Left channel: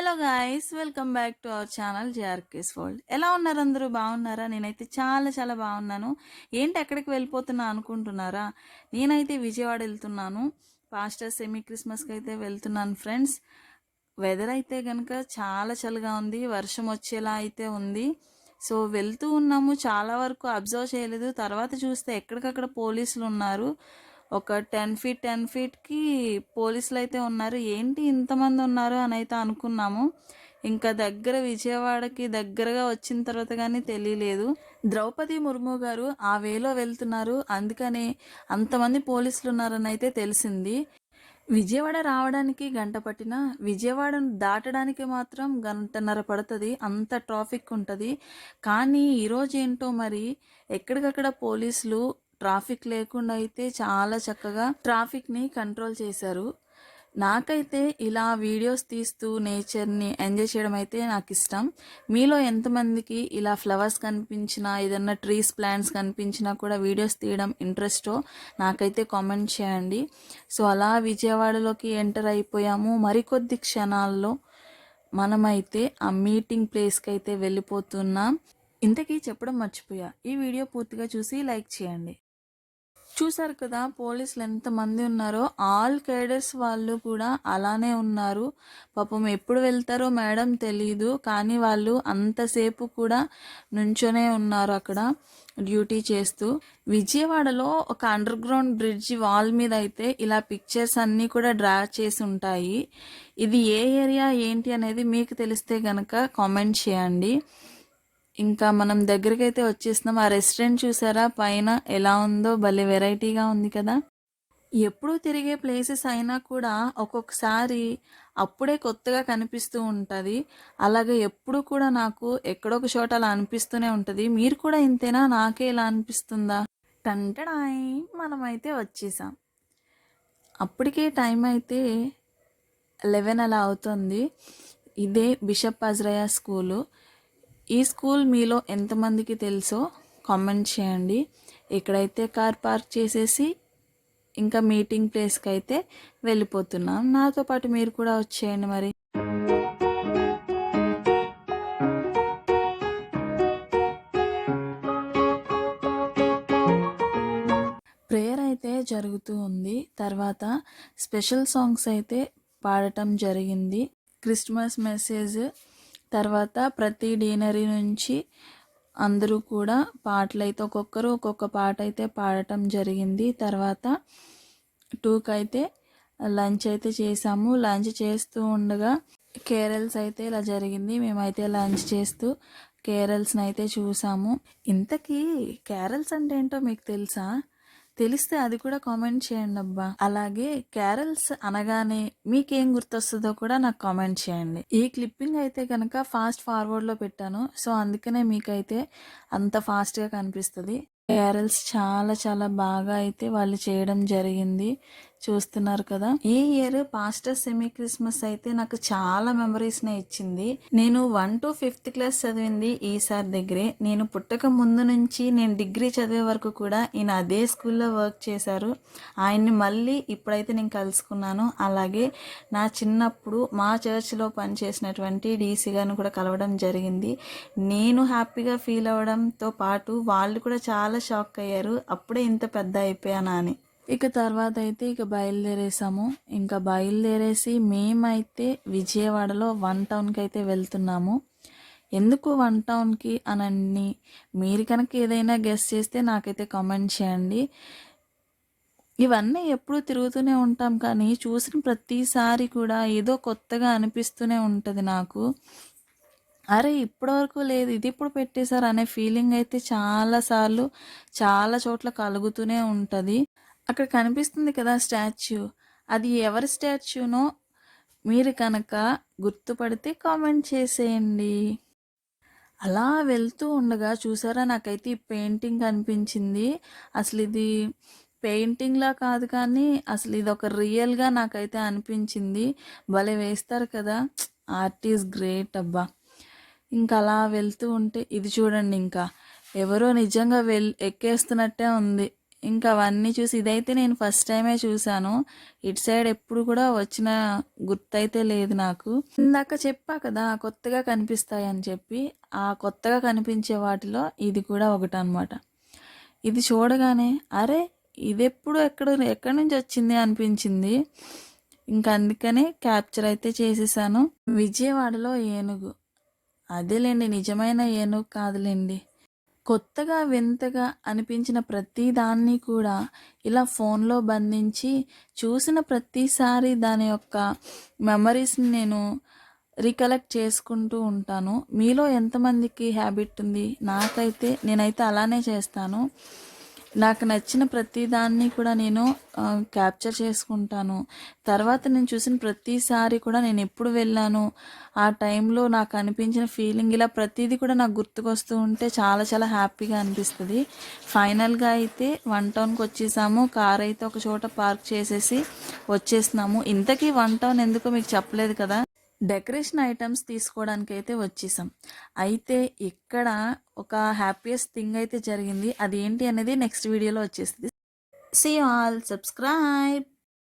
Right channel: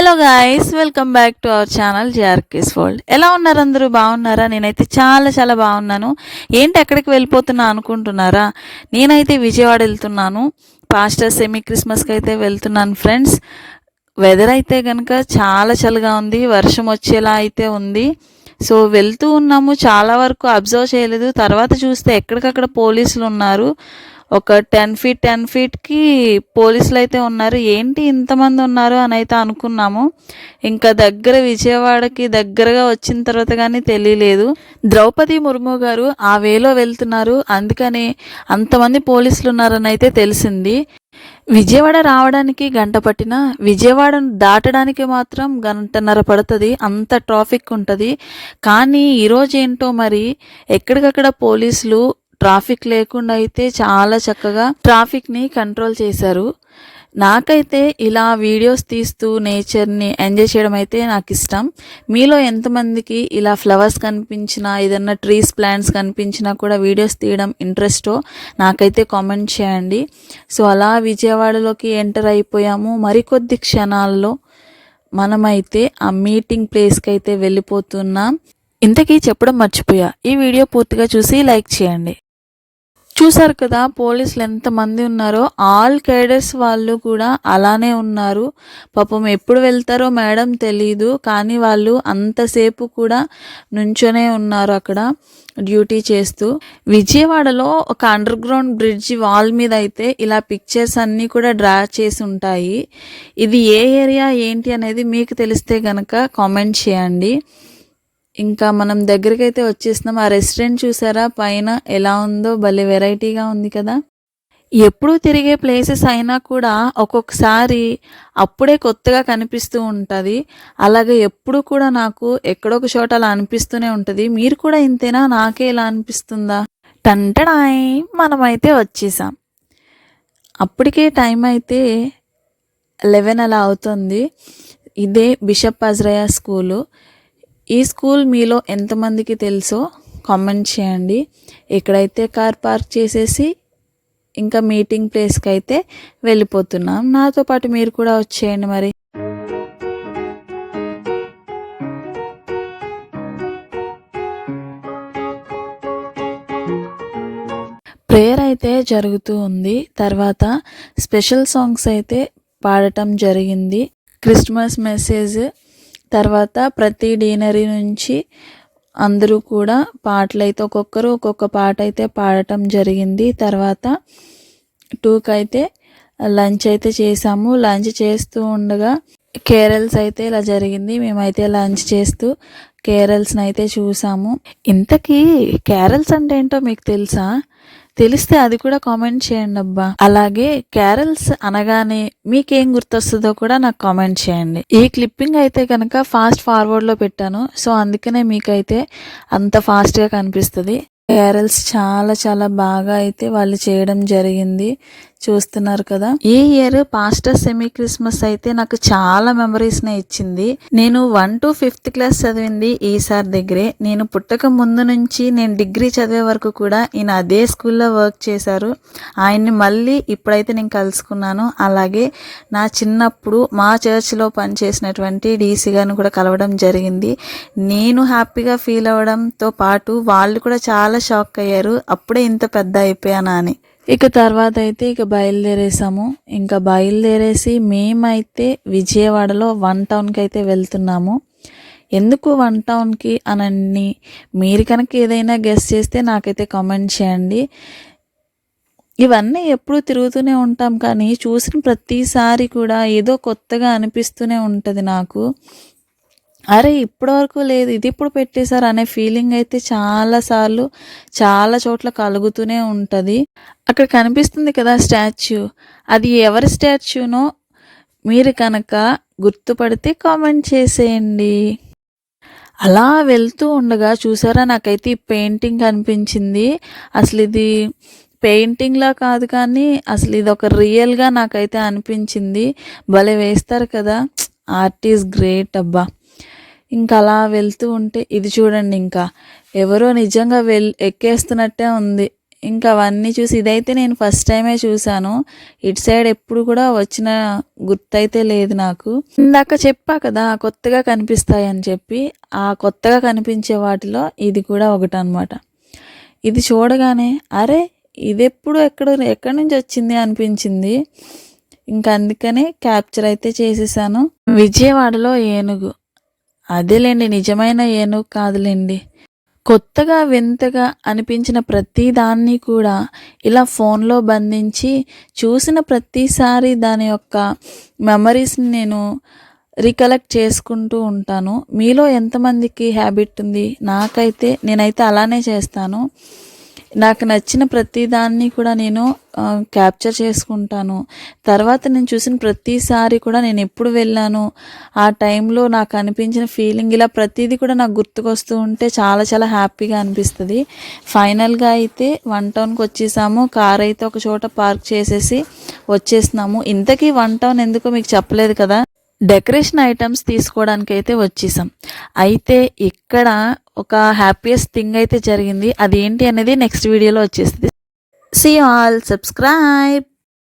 Hello guys, welcome back to our channel JRK's world. ఎలా ఉన్నారు అందరూ? బాగున్నారా? నేనైతే చాలా చాలా బాగున్నాను. ఏంటి ఎక్కడికి వెళ్ళిపోతున్నా అనుకుంటున్నారా? నేనైతే విజయవాడ వెళ్తున్నాను. పాస్టర్ సెమీ క్రిస్మస్కి అయితే వెళ్తున్నాను ఫ్రెండ్స్. వెదర్ అయితే కనుక చాలా చల్లగా ఉంది, వర్షం వచ్చేలా అయితే ఉంది. సో వెళ్తూ ఉన్నాము, చాలా వరకు అబ్జర్వ్ చేయలేదు. తర్వాత చూస్తే ఎక్కడికక్కడ పోలీసులు ఉన్నారు. ఒక 10 ఫీట్కి పోలీసులు అయితే ఉన్నారు. ఏంటి ఇంతమంది ఉన్నారు అని అయితే అనుకున్నాము. ఇంకా విజయవాడకి దగ్గరగా వచ్చిన తర్వాత కానీ తెలియలేదు. ద్రౌపది ముర్ము గారు ఆ వేలో వెళ్తున్నారు, అందుకనే అంతమంది పోలీసులు ఉన్నారని అయితే తెలిసింది. విజయవాడ రావడానికి గంట పట్టినా విజయవాడను దాటడానికి మాత్రం గంటన్నర పడుతుంది, అంత ట్రాఫిక్ ఉంటుంది. కానీ ఈరోజు ఏంటో మరి ఎక్కడికక్కడ పోలీసులు ట్రాఫిక్ లేకుండా అయితే చాలా చక్కగా ట్రాఫిక్ని కంట్రోల్ చేశారు. నాకైతే ఇలా వీడియోస్ తీస్తూ నేచర్ని ఎంజాయ్ చేయడం అయితే నాకు ఇష్టం. మీలో ఎంతమందికి ఇలా ఫ్లవర్స్ కనిపించినా, ఏదన్నా ట్రీస్ ప్లాంట్స్ కనిపించినా కూడా వీడియోస్ తీయడం ఇంట్రెస్టో నాకైతే కామెంట్ చేయండి. సో అలా విజయవాడలోకి ఎంటర్ అయిపోయాము. మరికొద్ది క్షణాల్లో మనమైతే ఆ మీటింగ్ ప్లేస్కి అయితే వెళ్ళిపోతున్నాం. ఇంతకీ చెప్పడం మర్చిపోయా, ఈ వీడియో పూర్తిగా చూసి లైక్ చేయండి. చూసారు కదా పోలీసులు ఎంతమంది ఉన్నారో, ఆల్ కేడర్స్ వాళ్ళు కూడా అలానే ఉన్నారు. పాపం ఎప్పుడు వెళ్తారో మేడం తెలీదు, కానీ వాళ్ళు అంతసేపు కూడా నుంచొనే ఉన్నారు అక్కడ డ్యూటీ చేస్తూ. విజయవాడలో ఒక అండర్ గ్రౌండ్ బ్రిడ్జి వాల్ మీద అయితే ఇలా పిక్చర్స్ అన్నీ కూడా డ్రా చేసి ఉంటాయి. ఇది ఏ ఏరియా ఏంటి అనేది మీకు తెలిస్తే కనుక కామెంట్ చేయండి. ఇంకా మనం దగ్గరికి అయితే వచ్చేసినాం. ఆ రెస్టారెంట్ చూసారా పైన ఎలా ఉందో, భలే వెరైటీగా ఉంది కదా. ఎప్పుడూ తిరిగే ప్లేసెస్ అయినా కూడా ఒక్కొక్కసారి అప్పుడే కొత్తగా కనిపిస్తూ ఉంటుంది. అలాగే ఎప్పుడు కూడా నాకు ఎక్కడొక చోట అలా అనిపిస్తూనే ఉంటుంది. మీరు కూడా ఇంతేనా? నాకే ఇలా అనిపిస్తుందా? టంటడాయ్, మనమైతే వచ్చేసాం. అప్పటికే టైం అయితే 11 అలా అవుతుంది. ఇదే బిషప్ అజ్రయా స్కూలు. ఈ స్కూల్ మీలో ఎంతమందికి తెలుసో కామెంట్ చేయండి. ఇక్కడైతే కార్ పార్క్ చేసేసి ఇంకా మీటింగ్ ప్లేస్కి అయితే వెళ్ళిపోతున్నాం. నాతో పాటు మీరు కూడా వచ్చేయండి మరి. ప్రేయర్ అయితే జరుగుతూ ఉంది. తర్వాత స్పెషల్ సాంగ్స్ అయితే పాడటం జరిగింది. క్రిస్మస్ మెసేజ్ తర్వాత ప్రతి డీనరీ నుంచి అందరూ కూడా పాటలు అయితే ఒక్కొక్కరు ఒక్కొక్క పాట అయితే పాడటం జరిగింది. తర్వాత 2కి అయితే లంచ్ అయితే చేసాము. లంచ్ చేస్తూ ఉండగా కేరల్స్ అయితే ఇలా జరిగింది. మేమైతే లంచ్ చేస్తూ కేరల్స్ని అయితే చూసాము. ఇంతకీ కేరల్స్ అంటే ఏంటో మీకు తెలుసా? తెలిస్తే అది కూడా కామెంట్ చేయండి అబ్బా. అలాగే క్యారల్స్ అనగానే మీకేం గుర్తొస్తుందో కూడా నాకు కామెంట్ చేయండి. ఈ క్లిప్పింగ్ అయితే కనుక ఫాస్ట్ ఫార్వర్డ్లో పెట్టాను, సో అందుకనే మీకైతే అంత ఫాస్ట్గా కనిపిస్తుంది. క్యారల్స్ చాలా చాలా బాగా అయితే వాళ్ళు చేయడం జరిగింది, చూస్తున్నారు కదా. ఈ ఇయర్ పాస్టర్ సెమీ క్రిస్మస్ అయితే నాకు చాలా మెమరీస్నే ఇచ్చింది. నేను 1 to 5th క్లాస్ చదివింది ఈసారి దగ్గరే. నేను పుట్టక ముందు నుంచి నేను డిగ్రీ చదివే వరకు కూడా ఈయన అదే స్కూల్లో వర్క్ చేశారు. ఆయన్ని మళ్ళీ ఇప్పుడైతే నేను కలుసుకున్నాను. అలాగే నా చిన్నప్పుడు మా చర్చ్లో పనిచేసినటువంటి డీసీ గారిని కూడా కలవడం జరిగింది. నేను హ్యాపీగా ఫీల్ అవ్వడంతో పాటు వాళ్ళు కూడా చాలా షాక్ అయ్యారు, అప్పుడే ఇంత పెద్ద అయిపోయానా అని. ఇక తర్వాత అయితే బయలుదేరేసాము. ఇంకా బయలుదేరేసి మేమైతే విజయవాడలో 1 టౌన్కి అయితే వెళ్తున్నాము. ఎందుకు 1 టౌన్కి అని మీరు కనుక ఏదైనా గెస్ చేస్తే నాకైతే కామెంట్ చేయండి. ఇవన్నీ ఎప్పుడూ తిరుగుతూనే ఉంటాం, కానీ చూసిన ప్రతిసారి కూడా ఏదో కొత్తగా అనిపిస్తూనే ఉంటుంది నాకు. అరే ఇప్పటివరకు లేదు, ఇది ఇప్పుడు పెట్టేశారు అనే ఫీలింగ్ అయితే చాలాసార్లు చాలా చోట్ల కలుగుతూనే ఉంటుంది. అక్కడ కనిపిస్తుంది కదా స్టాచ్యూ, అది ఎవరి స్టాచ్యూనో మీరు కనుక గుర్తుపడితే కామెంట్ చేసేయండి. అలా వెళ్తూ ఉండగా చూసారా, నాకైతే ఈ పెయింటింగ్ కనిపించింది. అసలు ఇది పెయింటింగ్లా కాదు, కానీ అసలు ఇది ఒక రియల్గా నాకైతే అనిపించింది. భలే వేస్తారు కదా, ఆర్ట్ ఈజ్ గ్రేట్ అబ్బా. ఇంకా అలా వెళ్తూ ఉంటే ఇది చూడండి, ఇంకా ఎవరో నిజంగా ఎక్కేస్తున్నట్టే ఉంది. ఇంకా అవన్నీ చూసి ఇదైతే నేను ఫస్ట్ టైమే చూశాను. ఇటు సైడ్ ఎప్పుడు కూడా వచ్చిన గుర్తయితే లేదు నాకు. ఇందాక చెప్పా కదా కొత్తగా కనిపిస్తాయని చెప్పి, ఆ కొత్తగా కనిపించే వాటిలో ఇది కూడా ఒకటనమాట. ఇది చూడగానే అరే! ఇదెప్పుడు ఎక్కడి నుంచి వచ్చింది అనిపించింది. ఇంకా అందుకనే క్యాప్చర్ అయితే చేసేసాను. విజయవాడలో ఏనుగు. అదేలెండి, నిజమైన ఏనుగు కాదులెండి. కొత్తగా వింతగా అనిపించిన ప్రతి దాన్ని కూడా ఇలా ఫోన్లో బంధించి చూసిన ప్రతిసారి దాని యొక్క మెమరీస్ని నేను రికలెక్ట్ చేసుకుంటూ ఉంటాను. మీలో ఎంతమందికి హ్యాబిట్ ఉంది? నేనైతే అలానే చేస్తాను. నాకు నచ్చిన ప్రతి దాన్ని కూడా నేను క్యాప్చర్ చేసుకుంటాను. తర్వాత నేను చూసిన ప్రతిసారి కూడా నేను ఎప్పుడు వెళ్ళాను, ఆ టైంలో నాకు అనిపించిన ఫీలింగ్, ఇలా ప్రతిదీ కూడా నాకు గుర్తుకొస్తూ ఉంటే చాలా చాలా హ్యాపీగా అనిపిస్తుంది. ఫైనల్గా అయితే 1 టౌన్కి వచ్చేసాము. కార్ అయితే ఒక చోట పార్క్ చేసేసి వచ్చేసినాము. ఇంతకీ 1 టౌన్ ఎందుకో మీకు చెప్పలేదు కదా. డెకరేషన్ ఐటమ్స్ తీసుకోవడానికి అయితే వచ్చేసాం. అయితే ఇక్కడ ఒక హ్యాపీయెస్ట్ థింగ్ అయితే జరిగింది. అదేంటి అనేది నెక్స్ట్ వీడియోలో వచ్చేస్తుంది. See you all, subscribe.